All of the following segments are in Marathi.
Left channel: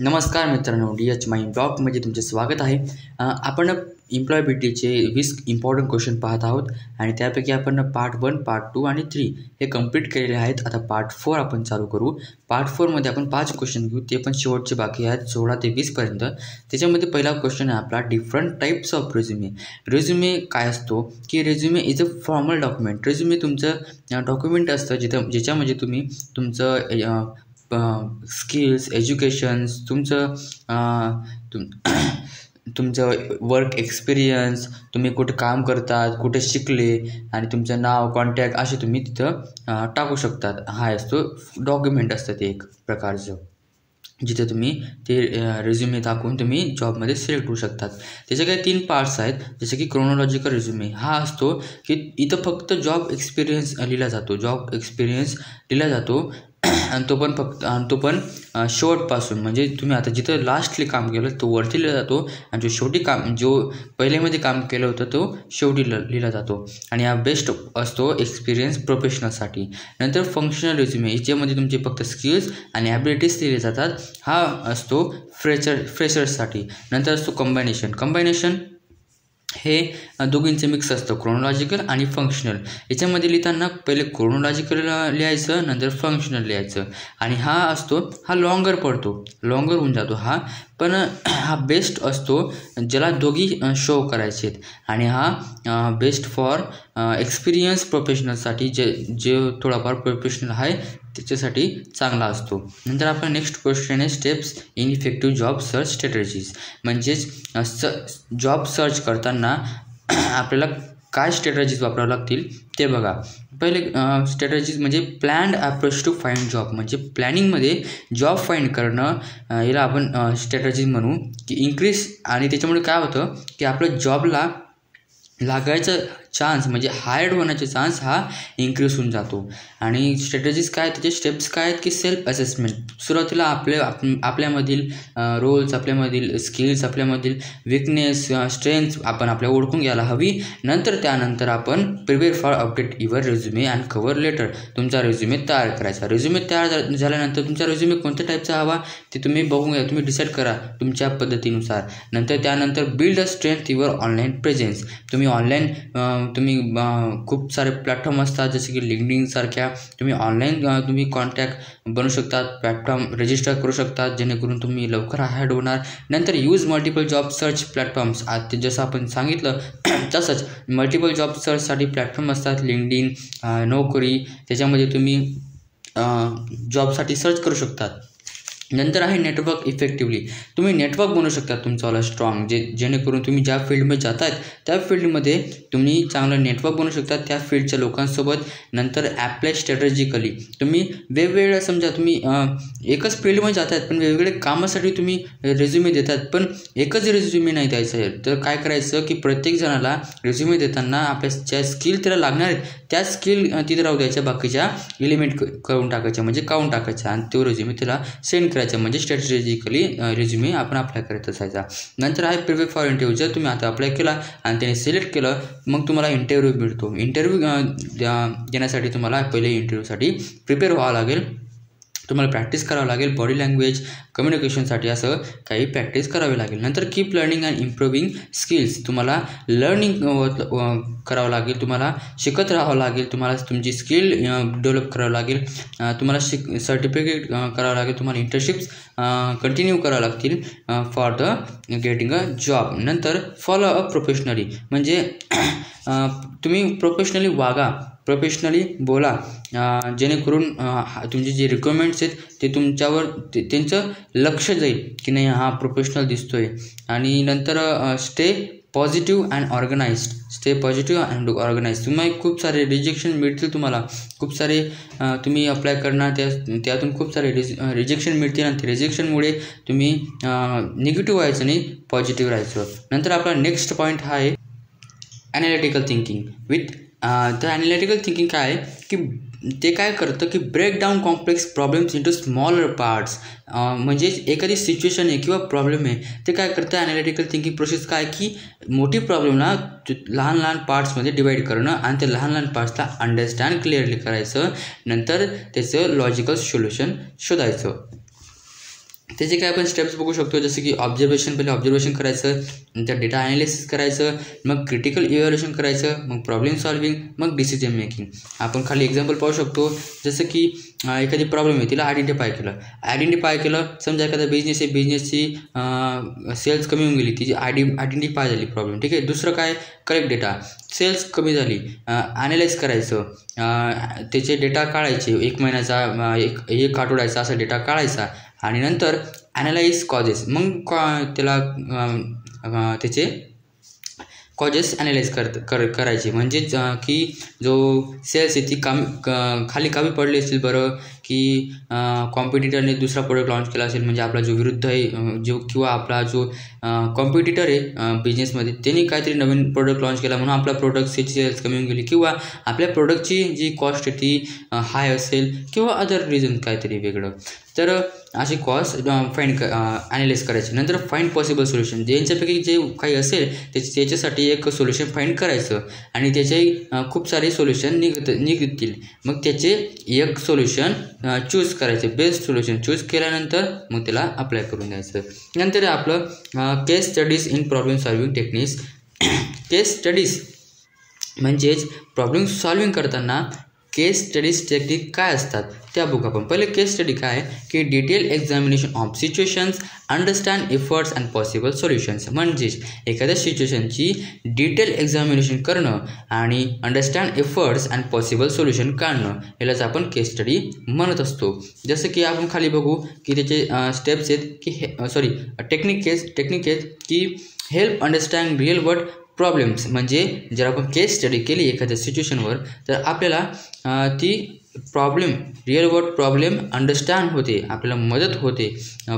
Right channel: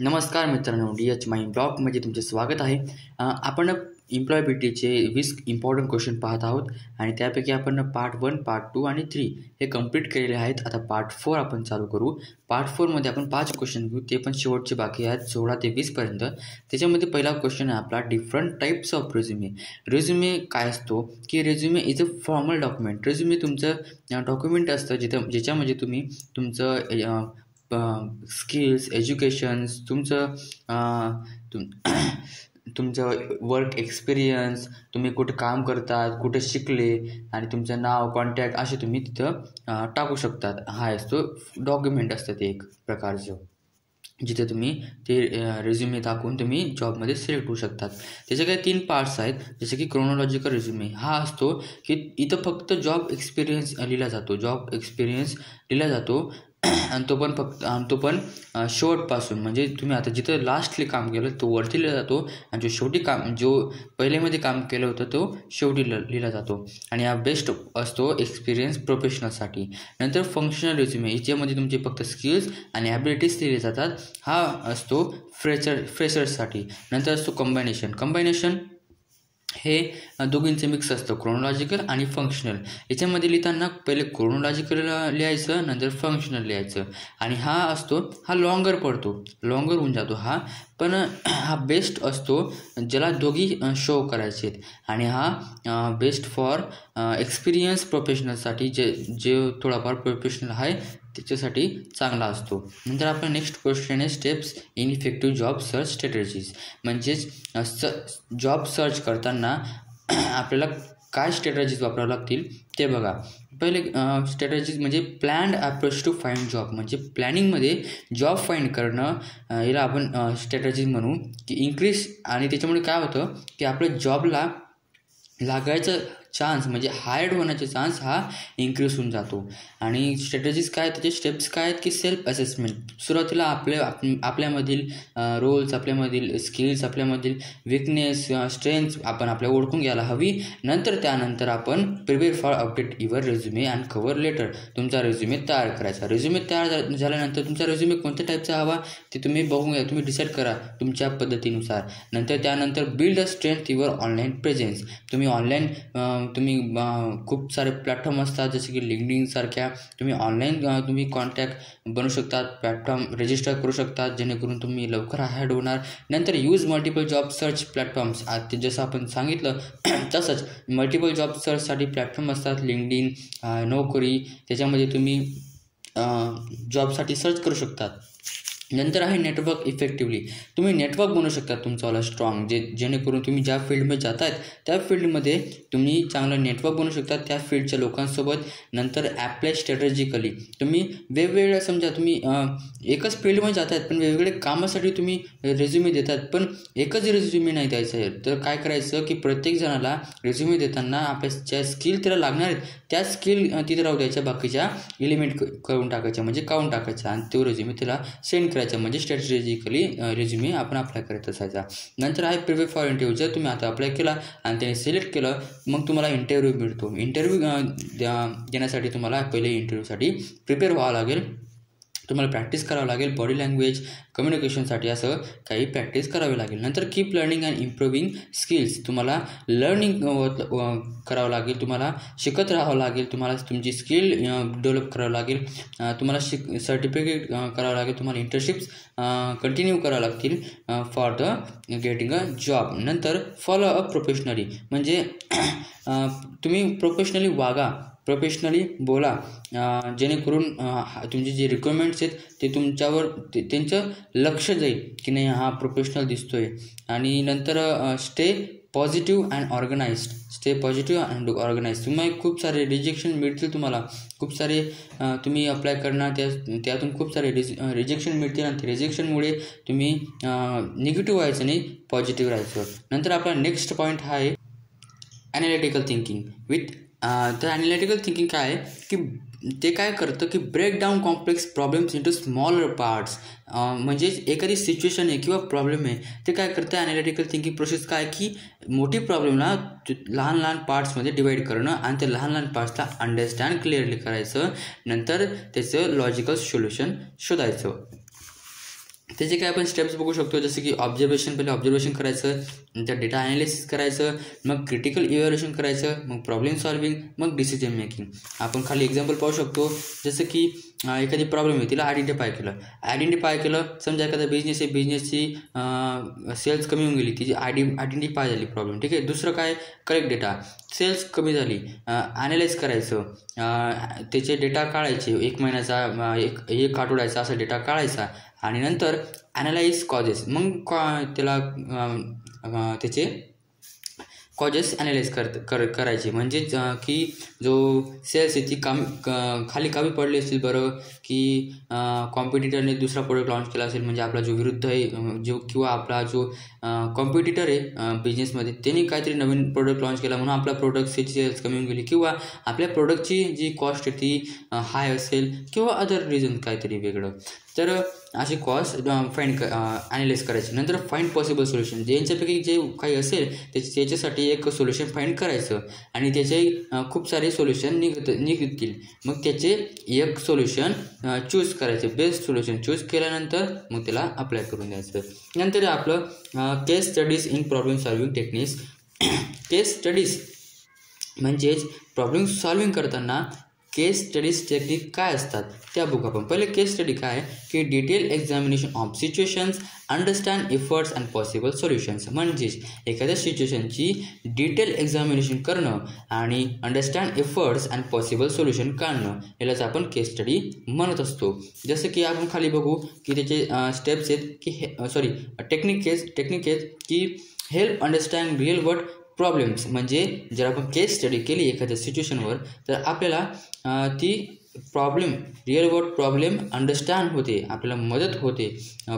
नमस्कार मित्रांनो, DH माय ब्लॉगमध्ये तुमचे स्वागत आहे. आपण एम्प्लॉयबिलिटीचे 20 इम्पॉर्टंट क्वेश्चन पाहत आहोत आणि त्यापैकी आपण पार्ट 1, पार्ट 2 आणि 3 हे कंप्लीट केलेले आहेत. आता पार्ट 4 आपण चालू करू. पार्ट 4मध्ये आपण 5 क्वेश्चन घेऊ, ते पण शेवटचे बाकी आहेत 16 ते 20 पर्यंत. त्याच्यामध्ये पहिला क्वेश्चन आहे आपला different types of resume. Resume काय असतो की resume is a formal document. Resume तुमचं डॉक्युमेंट असतं ज्याच्यामध्ये तुम्ही तुमचं स्किल्स, एज्युकेशन्स, तुमचं वर्क एक्सपिरियन्स, तुम्ही कुठं काम करतात, कुठे शिकले आणि तुमचं नाव, कॉन्टॅक्ट असे तुम्ही तिथं टाकू शकतात. हा असतो डॉक्युमेंट असतं ते एक प्रकारचं, जिथे तुम्ही ते रेझ्युमे टाकून तुम्ही जॉबमध्ये सिलेक्ट होऊ शकतात. त्याचे काही 3 पार्ट्स आहेत, जसे की क्रोनॉलॉजिकल रेझ्युमे. हा असतो की इथं फक्त जॉब एक्सपिरियन्स लिहिला जातो आणि तो पण शेवटपासून, म्हणजे तुम्ही आता जिथं लास्टली काम केलं तो वरती लिहिला जातो आणि जो पहिल्यामध्ये काम केलं होतं तो शेवटी लिहिला जातो. आणि हा बेस्ट असतो एक्सपिरियन्स प्रोफेशनलसाठी. नंतर फंक्शनल रेझ्युमे, याच्यामध्ये तुमचे फक्त स्किल्स आणि ॲबिलिटीज लिहिले जातात. हा असतो फ्रेशर्ससाठी. नंतर असतो कंबायनेशन. हे दोघींचे मिक्स असतं, क्रोनॉलॉजिकल आणि फंक्शनल. याच्यामध्ये लिहिताना पहिले क्रोनॉलॉजिकल लिहायचं, नंतर फंक्शनल लिहायचं. आणि हा लॉंगर होऊन जातो हा. पण हा बेस्ट असतो ज्याला दोघी शो करायचे आहेत. आणि हा बेस्ट फॉर एक्सपिरियन्स प्रोफेशनलसाठी, जे थोडाफार प्रोफेशनल आहे त्याच्यासाठी चांगला असतो. नंतर आपला नेक्स्ट क्वेश्चन आहे steps in effective job search strategies. म्हणजेच जॉब सर्च करताना आपल्याला काय स्ट्रॅटेजीज वापरावं लागतील ते बघा. पहिले स्ट्रॅटेजीज म्हणजे planned approach to find job. म्हणजे प्लॅनिंगमध्ये जॉब फाइंड करणं, याला आपण स्ट्रॅटेजीज म्हणू की इन्क्रीज. आणि त्याच्यामुळे काय होतं की आपलं जॉबला लागायचं चान्स, म्हणजे हायर्ड होण्याचे चान्स हा इन्क्रीज होऊन जातो. आणि स्ट्रॅटेजीज काय, त्याचे स्टेप्स काय आहेत की सेल्फ असेसमेंट. सुरुवातीला आपल्यामधील रोल्स, आपल्यामधील स्किल्स, आपल्यामधील विकनेस, स्ट्रेंथ्स आपण ओळखून घ्यायला हवी. त्यानंतर आपण prepare for update your resume and cover letter. तुमचा रेझ्युमे तयार करायचा. रेझ्युमे तयार झाल्यानंतर तुमचा रेझ्युमे कोणत्या टाईपचा हवा ते तुम्ही बघून घ्या, तुम्ही डिसाईड करा तुमच्या पद्धतीनुसार. त्यानंतर build a strength your online presence. तुम्ही ऑनलाईन खूप सारे प्लॅटफॉर्म असतात, जसे की लिंक्डइन सारख्या. तुम्ही ऑनलाईन तुम्ही कॉन्टॅक्ट बनवू शकतात, प्लॅटफॉर्म रजिस्टर करू शकतात, जेणेकरून तुम्ही लवकर हायर्ड होणार. नंतर use multiple job search platforms. ते जसं आपण सांगितलं तसंच मल्टिपल जॉब सर्चसाठी प्लॅटफॉर्म असतात, लिंक्डइन, नोकरी. त्याच्यामध्ये तुम्ही जॉबसाठी सर्च करू शकतात. नंतर आहे नेटवर्क इफेक्टिव्हली. तुम्ही नेटवर्क बनवू शकता तुमचावाला स्ट्रॉंग, जेणेकरून तुम्ही ज्या फील्डमध्ये जात आहेत त्या फील्डमध्ये तुम्ही चांगलं नेटवर्क बनवू शकता त्या फील्डच्या लोकांसोबत. नंतर ॲप्लाय स्ट्रॅटेजिकली. तुम्ही वेगवेगळ्या, समजा तुम्ही एकच फील्डमध्ये जात आहेत पण वेगवेगळे कामासाठी तुम्ही रेझ्युमे देतात, पण एकच रेझ्युमे नाही द्यायचं आहे. तर काय करायचं की प्रत्येक जणाला रेझ्युमे देताना आपल्या ज्या स्किल त्याला लागणार आहेत त्या स्किल तिथे राहू द्यायच्या, बाकीच्या एलिमेंट करून टाकायच्या, म्हणजे काढून टाकायचा आणि तो रेझ्युमे त्याला सेंड करायचा. म्हणजे स्ट्रॅटेजिकली रेझ्युमे आपण अप्लाय करत असायचा. नंतर आहे प्रिपेअर फॉर इंटरव्ह्यू. जर तुम्ही आता अप्लाय केला आणि त्याने सिलेक्ट केलं, मग तुम्हाला इंटरव्ह्यू मिळतो. इंटरव्ह्यू देण्यासाठी तुम्हाला पहिले इंटरव्ह्यूसाठी प्रिपेअर व्हावं लागेल. तुम्हाला प्रॅक्टिस करावं लागेल, बॉडी लँग्वेज, कम्युनिकेशनसाठी असं काही प्रॅक्टिस करावी लागेल. नंतर keep learning and improving skills. तुम्हाला लर्निंग करावं लागेल, तुम्हाला शिकत राहावं लागेल, तुम्हाला तुमची स्किल डेव्हलप करावं लागेल, तुम्हाला सर्टिफिकेट करावं लागेल, तुम्हाला इंटर्नशिप्स कंटिन्यू करावं लागतील for the getting a job. नंतर फॉलो अप प्रोफेशनली. म्हणजे तुम्ही प्रोफेशनली वागा, प्रोफेशनली बोला, जेणेकरून तुमचे जे रिक्वायरमेंट्स आहेत ते तुमच्यावर त्यांचं लक्ष जाईल की नाही हा प्रोफेशनल दिसतोय. आणि नंतर स्टे पॉझिटिव्ह अँड ऑर्गनाइज. तुम्हाला खूप सारे रिजेक्शन मिळतील, तुम्हाला खूप सारे तुम्ही अप्लाय करणार, त्यातून खूप सारे रिजेक्शन मिळतील आणि ते रिजेक्शनमुळे तुम्ही निगेटिव्ह व्हायचं नाही, पॉझिटिव्ह राहायचं. नंतर आपला नेक्स्ट पॉईंट हा आहे analytical thinking. The analytical thinking काय आहे की ते काय करतं की break down complex problems into smaller parts. म्हणजेच एखादी सिच्युएशन आहे किंवा प्रॉब्लेम आहे, ते काय करतं ॲनालिटिकल थिंकिंग प्रोसेस काय की मोठी प्रॉब्लेमला लहान लहान पार्ट्समध्ये डिवाईड करणं आणि त्या लहान लहान पार्ट्सला अंडरस्टँड क्लिअरली करायचं, नंतर त्याचं लॉजिकल सोल्युशन शोधायचं. त्याचे काय आपण स्टेप्स बघू शकतो, जसं की पहिले ऑब्झर्वेशन करायचं, नंतर डेटा ॲनालिसिस करायचं, मग क्रिटिकल इव्हॅल्युएशन करायचं, मग प्रॉब्लेम सॉल्विंग, मग डिसिजन मेकिंग. आपण खाली एक्झाम्पल पाहू शकतो, जसं की एखादी प्रॉब्लेम आहे तिला आयडेंटिफाय केलं. समजा एखादा बिझनेस आहे, बिझनेसची सेल्स कमी होऊन गेली, तिची आयडेंटिफाय झाली प्रॉब्लेम, ठीक आहे. दुसरं काय, करेक्ट डेटा, सेल्स कमी झाली, ॲनालाइज करायचं, त्याचे डेटा काढायचे, 1 महिन्याचा एक आठवड्याचा असा डेटा काढायचा, आणि नंतर ॲनालाइज कॉजेस, मग त्याला त्याचे कॉजेस ॲनालाइज करायचे. म्हणजेच की जो सेल्स आहे ती खाली कमी पडली असेल बरं, की कॉम्पिटिटरने दुसरा प्रोडक्ट लॉन्च केला असेल, म्हणजे आपला जो विरुद्ध आहे किंवा आपला जो कॉम्पिटिटर आहे बिझनेसमध्ये, त्यांनी काहीतरी नवीन प्रोडक्ट लॉन्च केला म्हणून आपल्या प्रोडक्टची सेल्स कमी होऊन गेली, किंवा आपल्या प्रोडक्टची जी कॉस्ट आहे ती हाय असेल, किंवा अदर रिझन काहीतरी वेगळं. तर अशी कॉस्ट ॲनालाइज करायची. नंतर फाइंड पॉसिबल सोल्युशन, ज्यांच्यापैकी जे काही असेल त्याच्यासाठी एक सोल्युशन फाइंड करायचं, आणि त्याचे खूप सारे सोल्युशन निघतील. मग त्याचे एक सोल्युशन चूज करायचे, बेस्ट सोल्युशन चूज केल्यानंतर मग त्याला अप्लाय करून द्यायचं. नंतर आपलं case studies in problem solving techniques. Case studies म्हणजेच प्रॉब्लेम सॉल्विंग करताना केस स्टडीज टेक्निक काय असतात त्या बघू आपण. पहिले केस स्टडी काय आहे, की detail examination of situations, understand efforts and possible solutions. म्हणजेच एखाद्या सिच्युएशनची डिटेल एक्झामिनेशन करणं आणि understand efforts and possible solution काढणं, यालाच आपण केस स्टडी म्हणत असतो. जसं की आपण खाली बघू की त्याचे स्टेप्स आहेत, की टेक्निक आहेत की help understand real world problems. म्हणजे जर आपण केस स्टडी केली एखाद्या सिच्युएशनवर, तर आपल्याला ती रिअल वर्ल्ड प्रॉब्लेम अंडरस्टँड होते, आपल्याला मदत होते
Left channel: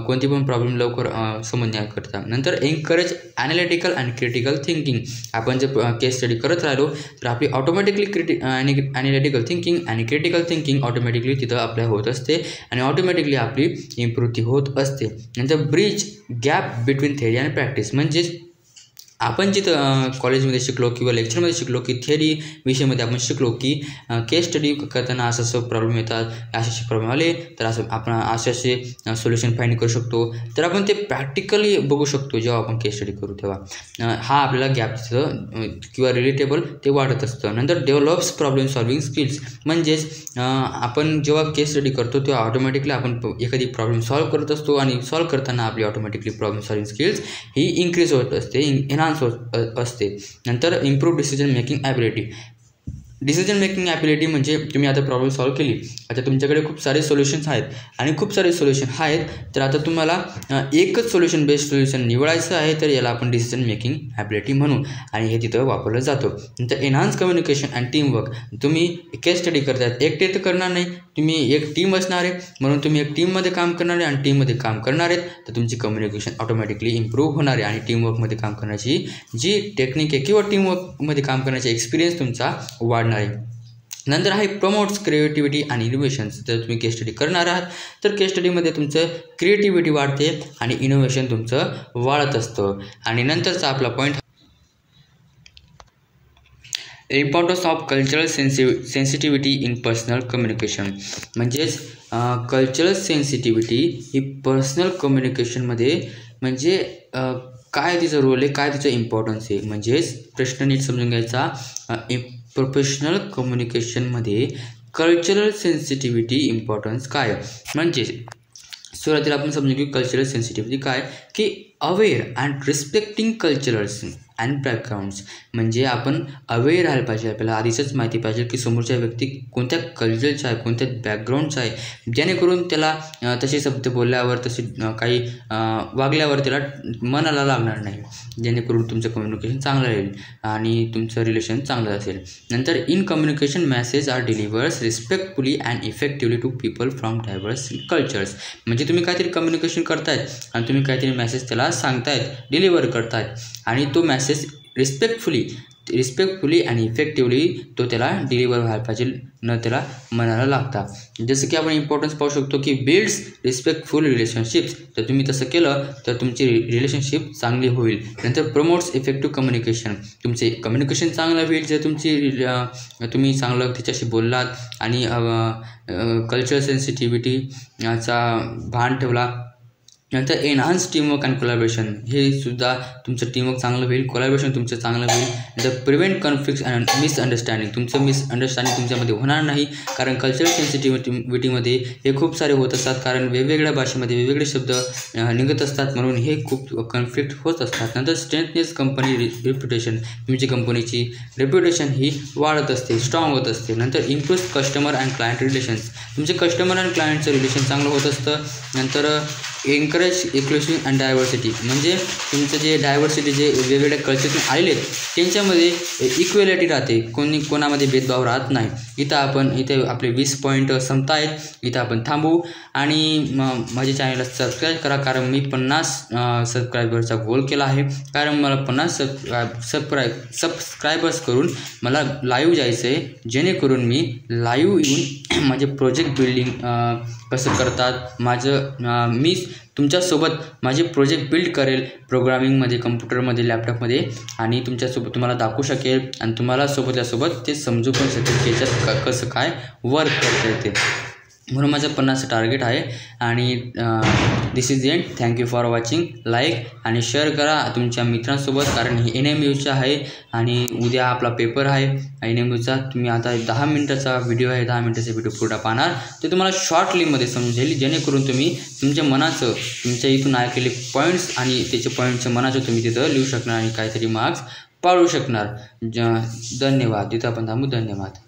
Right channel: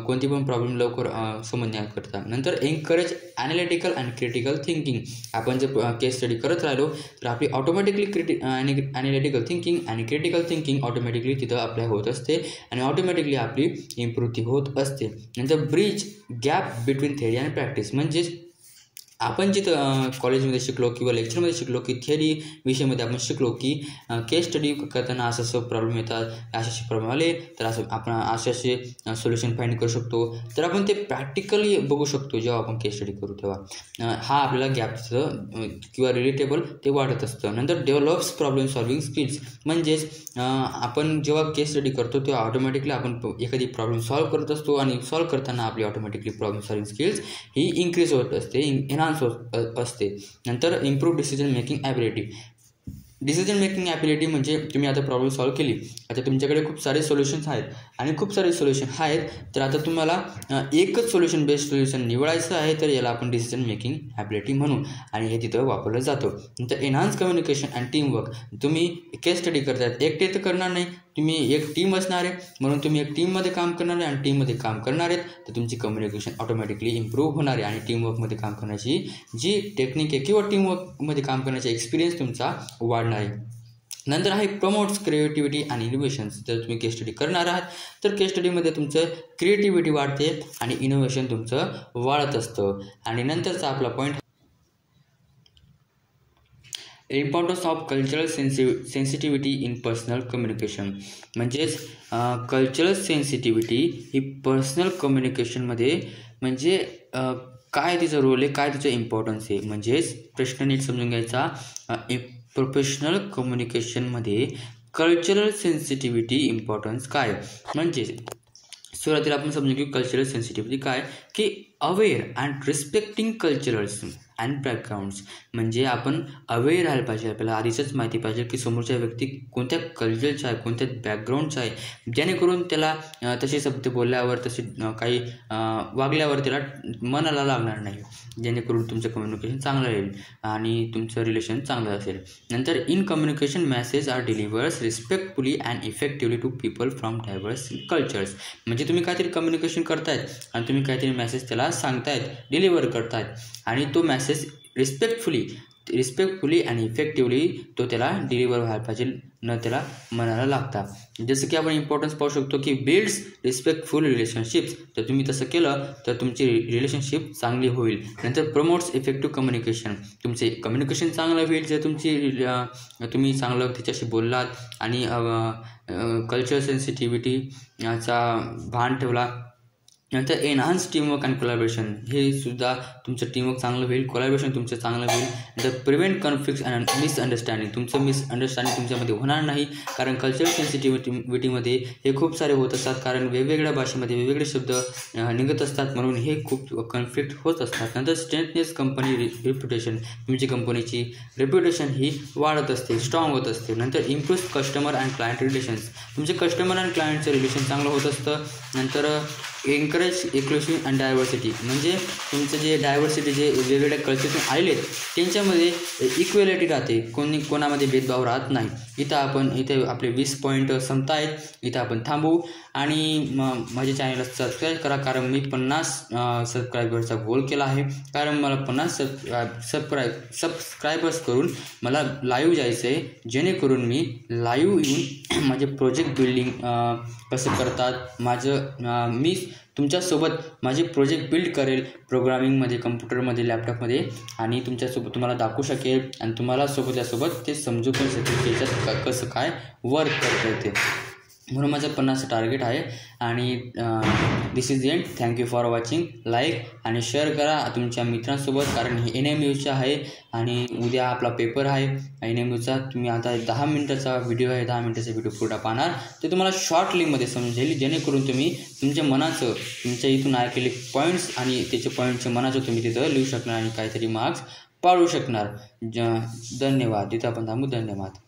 कोणती पण प्रॉब्लेम लवकर समजण्याकरता. नंतर encourage analytical and critical thinking. आपण जर केस स्टडी करत राहिलो तर आपली ऑटोमॅटिकली ॲनालिटिकल थिंकिंग आणि क्रिटिकल थिंकिंग ऑटोमॅटिकली तिथं आपल्या होत असते, आणि ऑटोमॅटिकली आपली इम्प्रूव्ह होत असते. नंतर bridge gap between theory and practice. म्हणजेच आपण जिथं कॉलेजमध्ये शिकलो किंवा लेक्चरमध्ये शिकलो, की थिअरी विषयामध्ये आपण शिकलो की केस स्टडी करताना असं प्रॉब्लेम येतात, असे प्रॉब्लेम आले तर आपण असे सोल्युशन फाइंड करू शकतो. तर आपण ते प्रॅक्टिकली बघू शकतो जेव्हा आपण केस स्टडी करू तेव्हा. हा आपल्याला गॅपचं किंवा रिलेटेबल ते वाढत असतं. नंतर डेव्हलप्स प्रॉब्लेम सॉल्विंग स्किल्स. म्हणजेच आपण जेव्हा केस स्टडी करतो तेव्हा ऑटोमॅटिकली आपण एखादी प्रॉब्लेम सॉल्व्ह करत असतो, आणि सॉल्व्ह करताना आपली ऑटोमॅटिकली प्रॉब्लेम सॉल्विंग स्किल्स ही इन्क्रीज होत असते, एनहान्स असते. नंतर improve decision making ability. Decision making ability म्हणजे तुम्ही आता प्रॉब्लेम सॉल्व्ह केली, आता तुमच्याकडे खूप सारे सोल्युशन्स आहेत आणि खूप सारे सोल्युशन आहेत, तर आता तुम्हाला एकच सोल्युशन बेस्ट सोल्युशन निवडायचं आहे, तर याला आपण डिसिजन मेकिंग ॲबिलिटी म्हणू, आणि हे तिथं वापरलं जातं. नंतर एनहान्स कम्युनिकेशन अँड टीमवर्क. तुम्ही केस स्टडी करतायत, एकटे तर करणार नाही, तुम्ही एक टीम असणार आहे, म्हणून तुम्ही एक टीममध्ये काम करणार आहे आणि टीममध्ये काम करणार आहेत, तर तुमची कम्युनिकेशन ऑटोमॅटिकली इम्प्रूव्ह होणार आहे, आणि टीमवर्कमध्ये काम करण्याची जी टेक्निक आहे किंवा टीमवर्कमध्ये काम करण्याचा एक्सपिरियन्स तुमचा वाढणार आहे. नंतर आहे प्रमोट्स क्रिएटिव्हिटी आणि इनोव्हेशन्स. जर तुम्ही केस स्टडी करणार आहात तर केस स्टडीमध्ये तुमचं क्रिएटिव्हिटी वाढते आणि इनोव्हेशन तुमचं वाढत असतं. आणि नंतरचा आपला point, importance of cultural sensitivity in personal communication. म्हणजेच कल्चरल सेन्सिटिव्हिटी ही पर्सनल कम्युनिकेशनमध्ये म्हणजे काय तिचं रोल आहे, काय तिचं इम्पॉर्टन्स आहे. म्हणजेच प्रश्न नीट समजून घ्यायचा. प्रोफेशनल कम्युनिकेशनमध्ये कल्चरल सेन्सिटिव्हिटी इम्पॉर्टन्स काय. म्हणजे सुरुवातीला आपण समजू की कल्चरल सेन्सिटिव्हिटी काय, की aware and respecting culturals and backgrounds. म्हणजे आपण अवेअर राहायला पाहिजे, आपल्याला आधीच माहिती पाहिजे की समोरच्या व्यक्ती कोणत्या कल्चरचा आहे, कोणत्या बॅकग्राऊंडचा आहे, जेणेकरून त्याला तसे शब्द बोलल्यावर, तसे काही वागल्यावर त्याला मनाला लागणार नाही, जेणेकरून तुमचं कम्युनिकेशन चांगलं राहील आणि तुमचं रिलेशन चांगलं असेल. नंतर in communication message are delivers respectfully and effectively to people from diverse cultures. म्हणजे तुम्ही काहीतरी कम्युनिकेशन करतायत आणि तुम्ही काहीतरी मेसेज त्याला सांगतायत, डिलिव्हर करतायत, आणि तो मेसेज रिस्पेक्टफुली आणि इफेक्टिव्हली तो त्याला डिलिव्हर व्हायला पाहिजे, न त्याला मनाला लागता. जसं की आपण इम्पॉर्टन्स पाहू शकतो की बिल्ड्स रिस्पेक्टफुल रिलेशनशिप्स. तर तुम्ही तसं केलं तर तुमची रिलेशनशिप चांगली होईल. नंतर प्रमोट्स इफेक्टिव्ह कम्युनिकेशन. तुमचे कम्युनिकेशन चांगलं होईल जर तुम्ही चांगलं त्याच्याशी बोललात आणि कल्चरल सेन्सिटिव्हिटीचा भान ठेवला, नंतर एनहान्स टीमवर्क अँड कोलॅबरेशन, हे सुद्धा तुमचं टीमवर्क चांगलं होईल, कोलॅबरेशन तुमचं चांगलं होईल. नंतर प्रिव्हेंट कॉन्फ्लिक्ट्स अँड मिसअंडरस्टँडिंग, तुमचं मिसअंडरस्टँडिंग तुमच्यामध्ये होणार नाही, कारण कल्चरल सेन्सिटिव्हिटीमध्ये हे खूप सारे होत असतात, कारण वेगवेगळ्या भाषेमध्ये वेगवेगळे शब्द निघत असतात, म्हणून हे खूप कॉन्फ्लिक्ट होत असतात. नंतर स्ट्रेंथनेस कंपनी रेप्युटेशन, तुमची कंपनीची रेप्युटेशन ही वाढत असते, स्ट्रॉंग होत असते. नंतर improve customer and client relations, तुमचे कस्टमर अँड क्लायंटचं रिलेशन चांगलं होत असतं. नंतर एनकरेज इन्क्लुसिव्ह अँड डायव्हर्सिटी, म्हणजे तुमचं जे डायव्हर्सिटी जे वेगवेगळ्या कल्चरतून आलेले आहेत त्यांच्यामध्ये इक्वेलिटी राहते, कोणामध्ये भेदभाव राहत नाही. इथे आपले 20 पॉईंट संपता आहेत, इथं आपण थांबू आणि माझ्या चॅनलला सबस्क्राईब करा, कारण मी 50 सबस्क्रायबरचा गोल केला आहे, कारण मला 50 सबस्क्रायबर्स करून मला लाईव्ह जायचं आहे, जेणेकरून मी लाईव्ह येऊन माझे प्रोजेक्ट बिल्डिंग कसं करतात मी तुमच्यासोबत माझे प्रोजेक्ट बिल्ड करेल, प्रोग्रामिंगमध्ये, कम्प्युटरमध्ये, लॅपटॉपमध्ये, आणि तुमच्यासोबत तुम्हाला दाखवू शकेल आणि तुम्हाला सोबत ते समजू पण शकेल की याच्यात कसं काय वर्क करता येते. म्हणून माझं 50 टार्गेट आहे. आणि this is end. Thank you for watching. Like आणि शेअर करा तुमच्या मित्रांसोबत, कारण हे NMUचा आहे आणि उद्या आपला पेपर आहे NMUचा. तुम्ही आता 10 मिनिटाचा व्हिडिओ आहे, 10 मिनिटाचा व्हिडिओ पुढे पाहणार, ते तुम्हाला शॉर्ट लिंकमध्ये समजेल, जेणेकरून तुम्ही तुमच्या मनाचं, तुमच्या इथून ऐकलेले पॉईंट्स आणि त्याचे पॉईंटचं मनाचं तुम्ही तिथं लिहू शकणार आणि काहीतरी मार्क्स पाडू शकणार. धन्यवाद. तिथं आपण थांबू. धन्यवाद.